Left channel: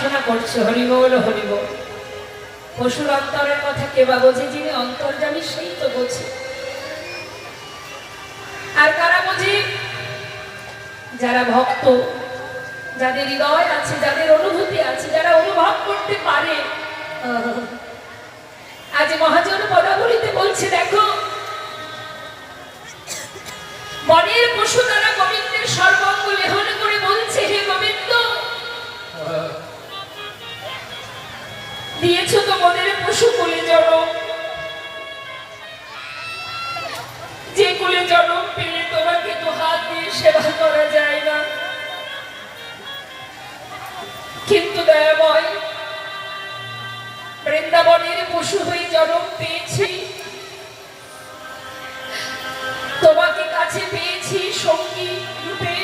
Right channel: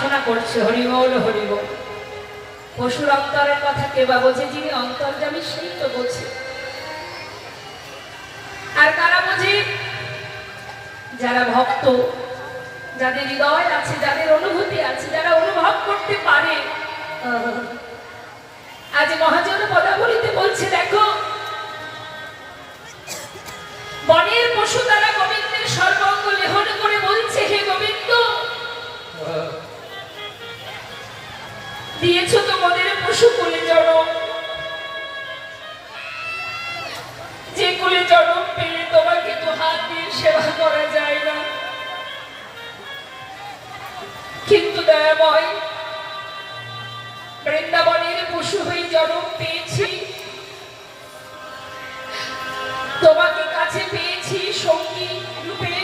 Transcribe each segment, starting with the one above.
বাসনা করছে। হরিবোল হরিবোল। পশুর অন্তরের কথা কে বা বোঝে? যিনি অন্তর্যামী সেই তো বোঝে। আর কারা বোঝে? যারা ভক্ত, যাদের হৃদয় আছে, যাদের অনুভূতি আছে, যারা অনুভব করতে পারে। আজ মহাজন পদাবলিতে বলছে, দেখো বনের পশু তারা গোবিন্দের সর্বাঙ্গ লেহন করে বলছে, হে গোবিন্দ, দিয়েছ তো বনের পশু কুলে জন্ম, যে কুলে জন্ম পেলে তোমাকে তো হাত দিয়ে সেবা করা যায় না। কিন্তু দয়াময়, বৃন্দাবনের পশু হয়ে জন্ম পেয়েছি, তোমাকে কাছে পেয়েছি, সঙ্গী রূপে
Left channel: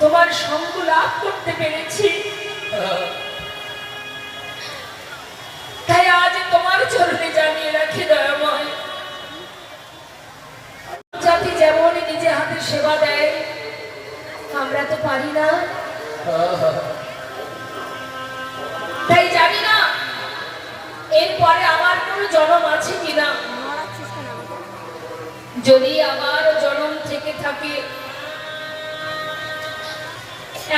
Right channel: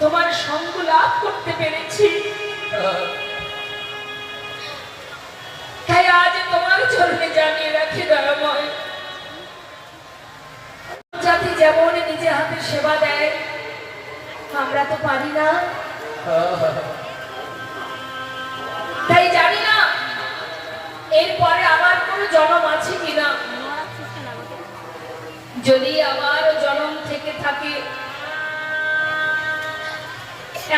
তোমার সঙ্গ লাভ করতে পেরেছি। তাই আজ তোমার চরণে জানিয়ে রাখি দয়াময়, জাতি যেমন নিজে হাতে সেবা দেয়, আমরা তো পারি না। তাই জানি না এরপরে আবার কোন জন্ম আছে কিনা। যদি আবার জন্ম থেকে থাকে,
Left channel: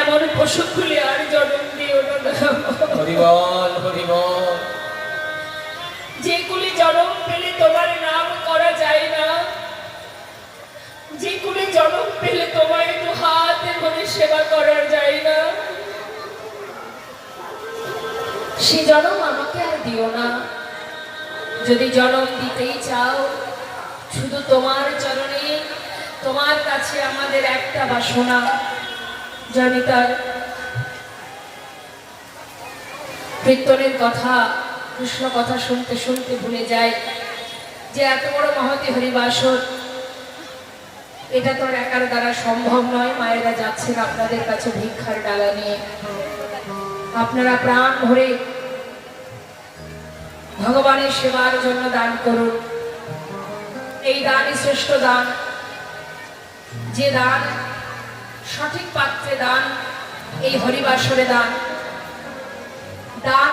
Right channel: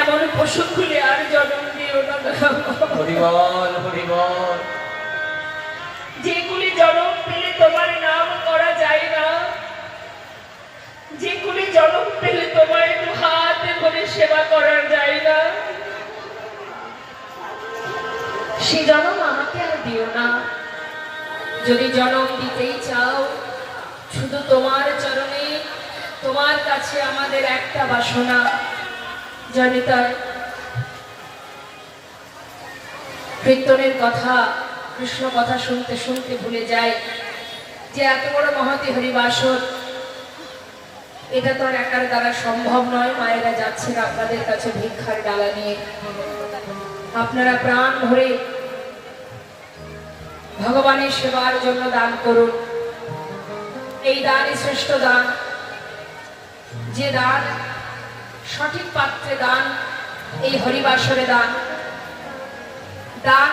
এমন পশু খুলে আর জন্ম দিও না। হরিবল হরিবল। যেগুলি জন্ম পেলে তোমার নাম করা যায় না, যেগুলি জন্ম পেলে তোমার একটু হাতে ধরে সেবা করা যায় না, সে জন্ম আমাকে আর দিও না। যদি জন্ম দিতেই চাও, শুধু তোমার চরণে, তোমার কাছে আমাদের একটা বাসনা। জানি তাই কীর্তনের কথা, কৃষ্ণ কথা শুনতে শুনতে ভুলে যায় যে এত বড় মহতী হরিবাসর, এটা তো আর একার দ্বারা সম্ভব নয়। মায়েরা যাচ্ছেন আপনাদের কাছে ভিক্ষার ডালা নিয়ে। আপনারা প্রাণ ভরে ভগবানের সেবার জন্য দান করুন। এই দানই শ্রেষ্ঠ দান। যে দান সঠিক পাত্রে দান, এই হরিবাসরে দান। দান